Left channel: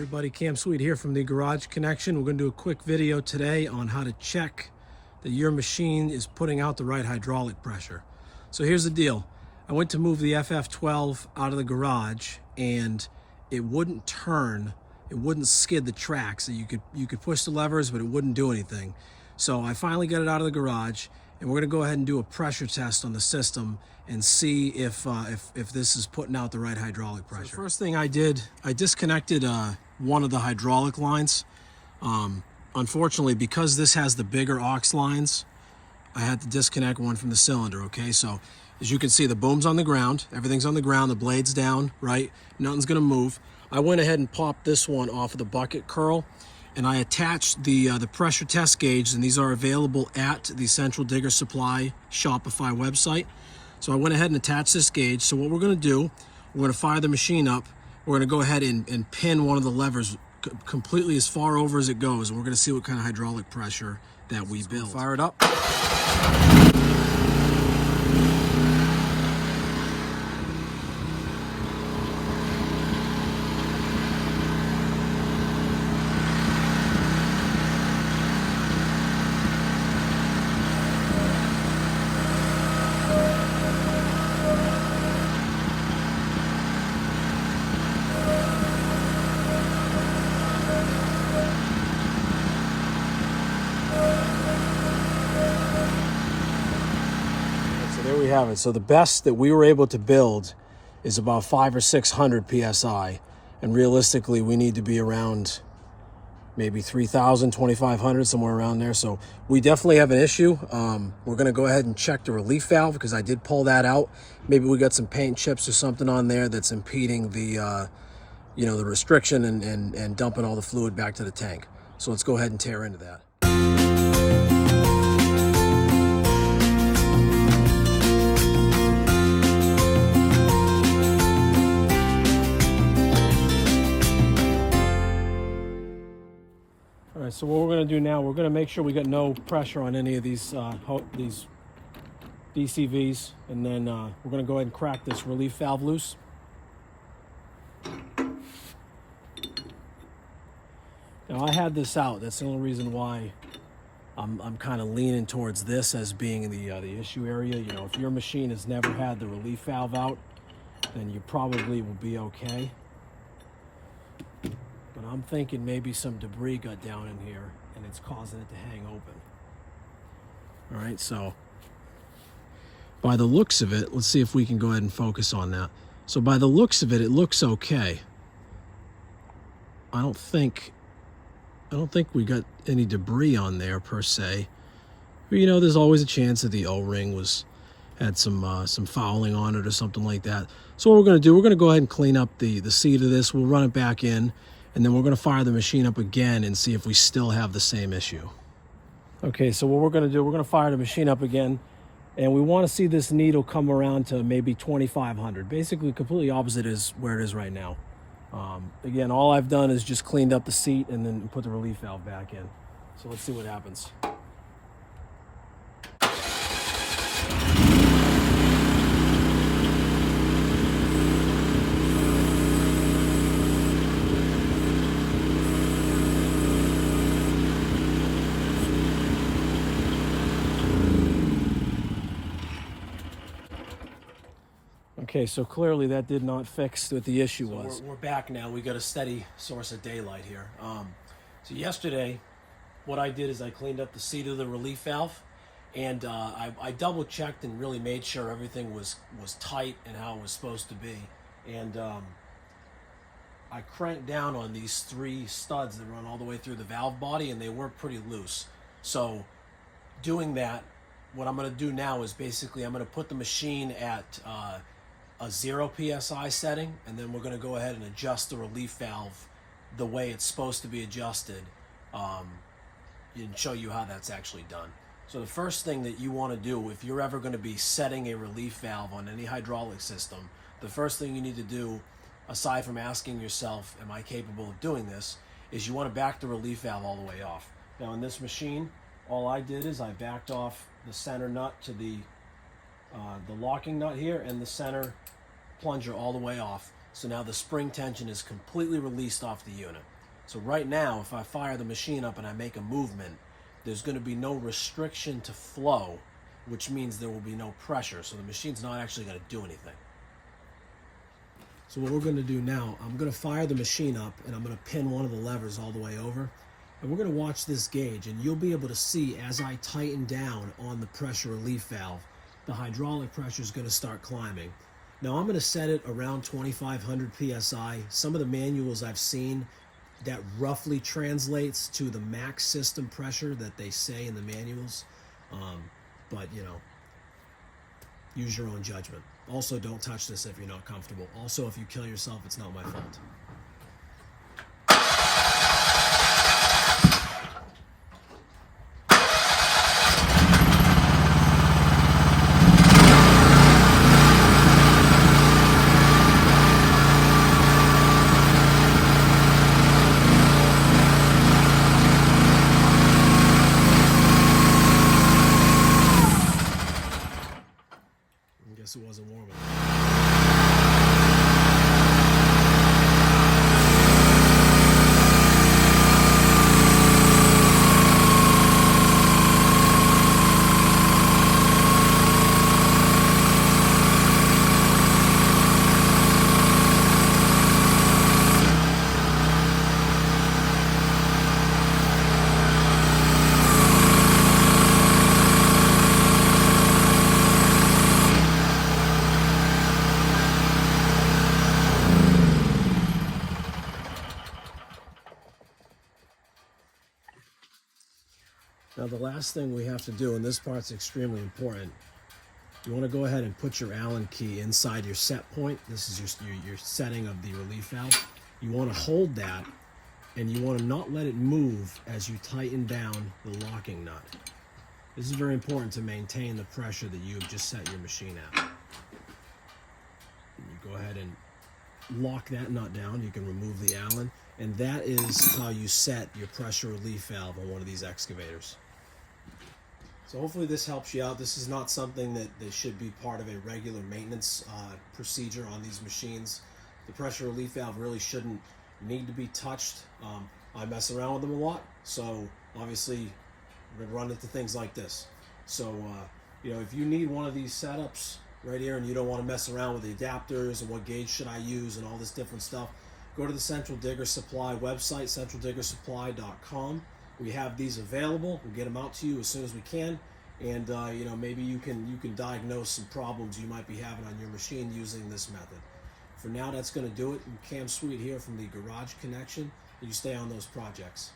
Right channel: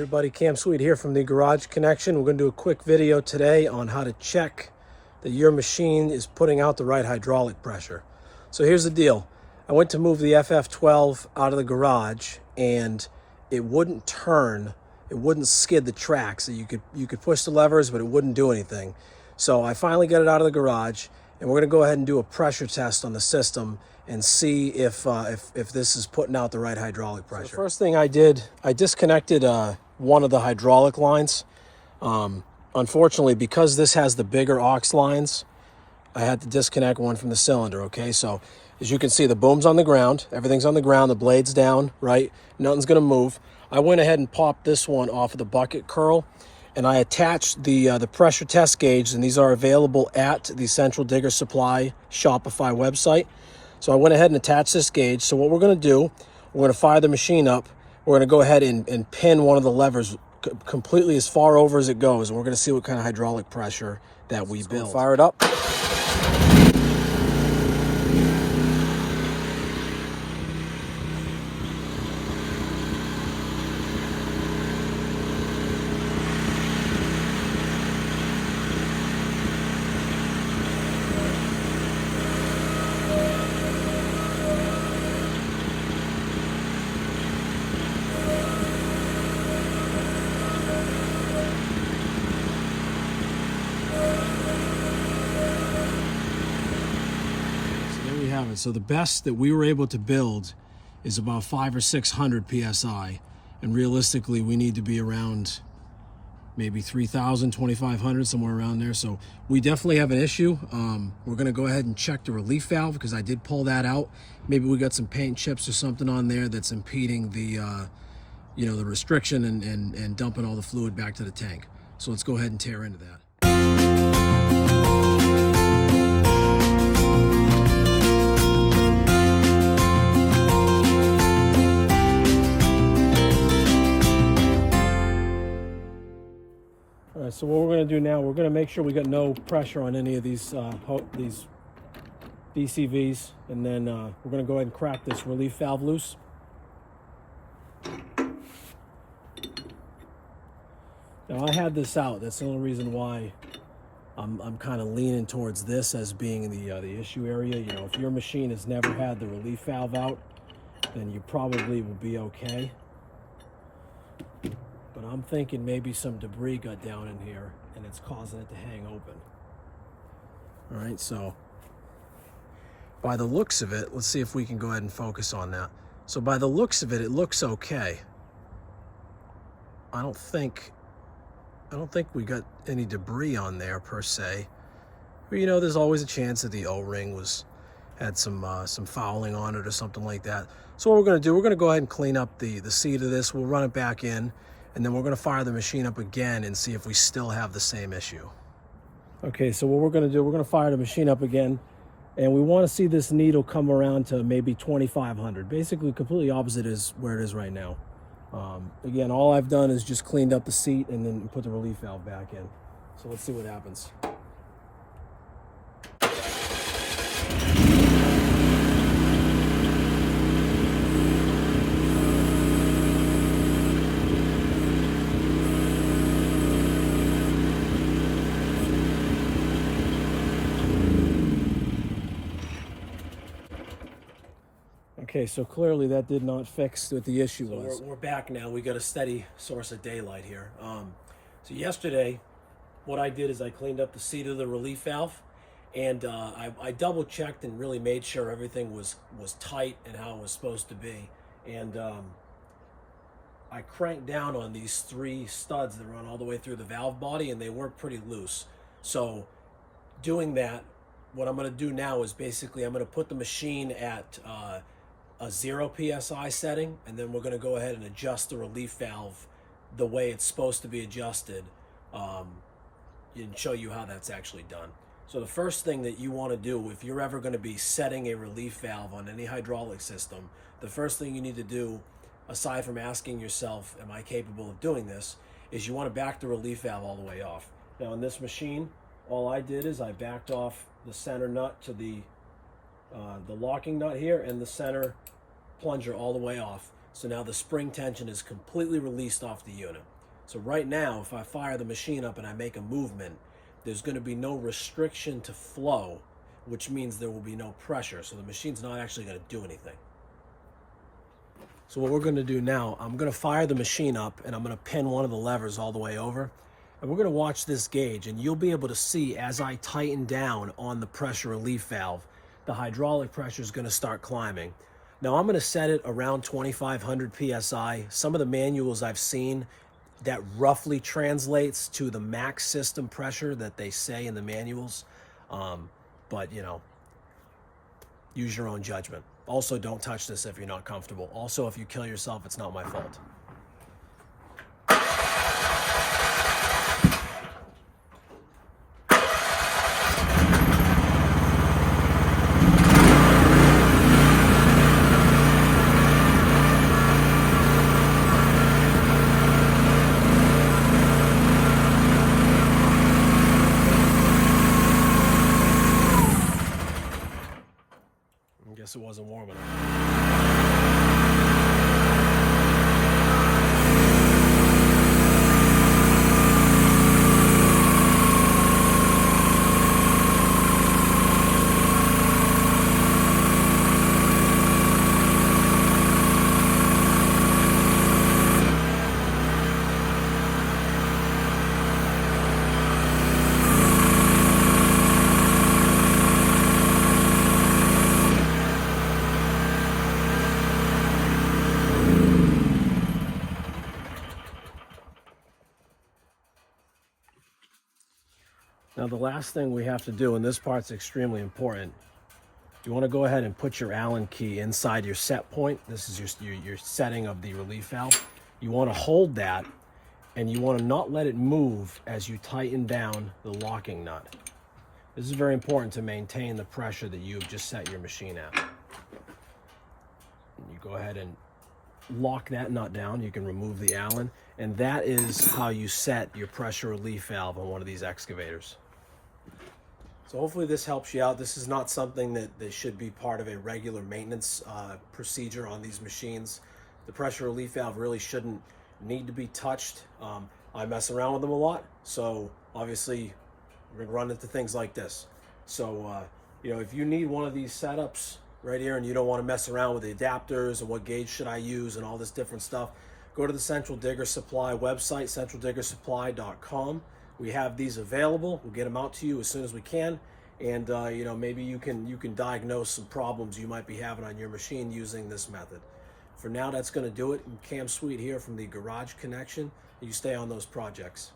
Everybody, Cam Sweet here from the Garage Connection. We're going to do a quick video today on how to check that your machine is putting out the right hydraulic pressure. So here's the deal. I went to move the FF12 out of the garage and it wouldn't turn, it wouldn't skid the tracks. So you could push the levers, but it wouldn't do anything. So I finally got it out of the garage and we're going to go ahead and do a pressure test on the system and see if this is putting out the right hydraulic pressure. The first thing I did, I disconnected one of the hydraulic lines. Unfortunately, because this has the bigger aux lines, I had to disconnect one from the cylinder, okay? So as you can see, the boom's on the ground, everything's on the ground, the blade's down, right? Nothing's gonna move. I went ahead and popped this one off of the bucket curl, and I attached the pressure test gauge, and these are available at the Central Digger Supply Shopify website. So I went ahead and attached this gauge. So what we're gonna do, we're gonna fire the machine up. We're gonna go ahead and pin one of the levers completely as far over as it goes. And we're gonna see what kind of hydraulic pressure that we build. Fire it up. There we have it. So the best that we were able to build is about 500 or 600 psi, and realistically we need to be around maybe 3,000, 2,500, somewhere around there. So we definitely have an issue. We're going to go ahead and check the relief valve because I did pull that out. Maybe we got some paint chips or something on there that's impeding the the restriction and dumping all the fluid back to the tank. So let's go ahead and tear into that. All right, so what we're going to do now, we're going to make sure we got no pressure on any of these DCVs, and then we're going to go ahead and crack this relief valve loose. Now I had this out. That's the only reason why I'm kind of leaning towards this as being the issue area. You know, if your machine has never had the relief valve out, then you probably will be okay. But I'm thinking maybe some debris got down in here and it's causing it to hang open. All right, so by the looks of it, let's see if we can go ahead and focus on that. So by the looks of it, it looks okay. I don't think we got any debris on there per se. But you know, there's always a chance that the O-ring had some fouling on it or something like that. So what we're going to do, we're going to go ahead and clean up the seat of this. We'll run it back in, and then we're going to fire the machine up again and see if we still have the same issue. Okay, so what we're going to do, we're going to fire the machine up again, and we want to see this needle come around to maybe 2,500. Basically, completely opposite is where it is right now. Again, all I've done is just cleaned up the seat and then put the relief valve back in. So let's see what happens. Okay, so clearly that did not fix what the issue was. We're back now. We got a steady source of daylight here. So yesterday, what I did is I cleaned up the seat of the relief valve, and I double checked and really made sure everything was tight and how it was supposed to be. And I cranked down on these 3 studs that run all the way through the valve body, and they were pretty loose. So doing that, what I'm going to do now is basically I'm going to put the machine at a 0 psi setting, and then we're going to go ahead and adjust the relief valve the way it's supposed to be adjusted, and show you how that's actually done. So the first thing that you want to do, if you're ever going to be setting a relief valve on any hydraulic system, the first thing you need to do, aside from asking yourself, am I capable of doing this, is you want to back the relief valve all the way off. Now in this machine, all I did is I backed off the center nut to the locking nut here and the center plunger all the way off. So now the spring tension is completely released off the unit. So right now, if I fire the machine up and I make a movement, there's going to be no restriction to flow, which means there will be no pressure. So the machine's not actually going to do anything. So what we're going to do now, I'm going to fire the machine up and I'm going to pin one of the levers all the way over. And we're going to watch this gauge, and you'll be able to see as I tighten down on the pressure relief valve, the hydraulic pressure is going to start climbing. Now I'm going to set it around 2,500 PSI. Some of the manuals I've seen, that roughly translates to the max system pressure that they say in the manuals. But you know, use your own judgment. Also, don't touch this if you're not comfortable. Also, if you kill yourself, it's not my fault. I guess it wasn't warm enough. Now the last thing we have to do, and this part's extremely important, you want to go ahead and put your Allen key inside your set point. This is your setting of the relief valve. You want to hold that, and you want to not let it move as you tighten down the locking nut. This is very important to maintain the pressure that you've just set your machine at. And you go ahead and lock that nut down. You can remove the Allen, and that is how you set your pressure relief valve on one of these excavators. So hopefully this helps you out. This is not something that should be part of a regular maintenance procedure on these machines. The pressure relief valve really shouldn't need to be touched. I mess around with them a lot, so obviously we're gonna run into things like this. So you know, if you need one of these setups right here and you don't want to mess around with the adapters and what gauge should I use and all this different stuff, go to the Central Digger Supply website, centraldiggersupply.com. We have these available. We'll get them out to you as soon as we can, and you know, maybe you can diagnose some problems you might be having on your machine using this method. For now, that's going to do it. Cam Sweet here from the Garage Connection. You stay on those projects.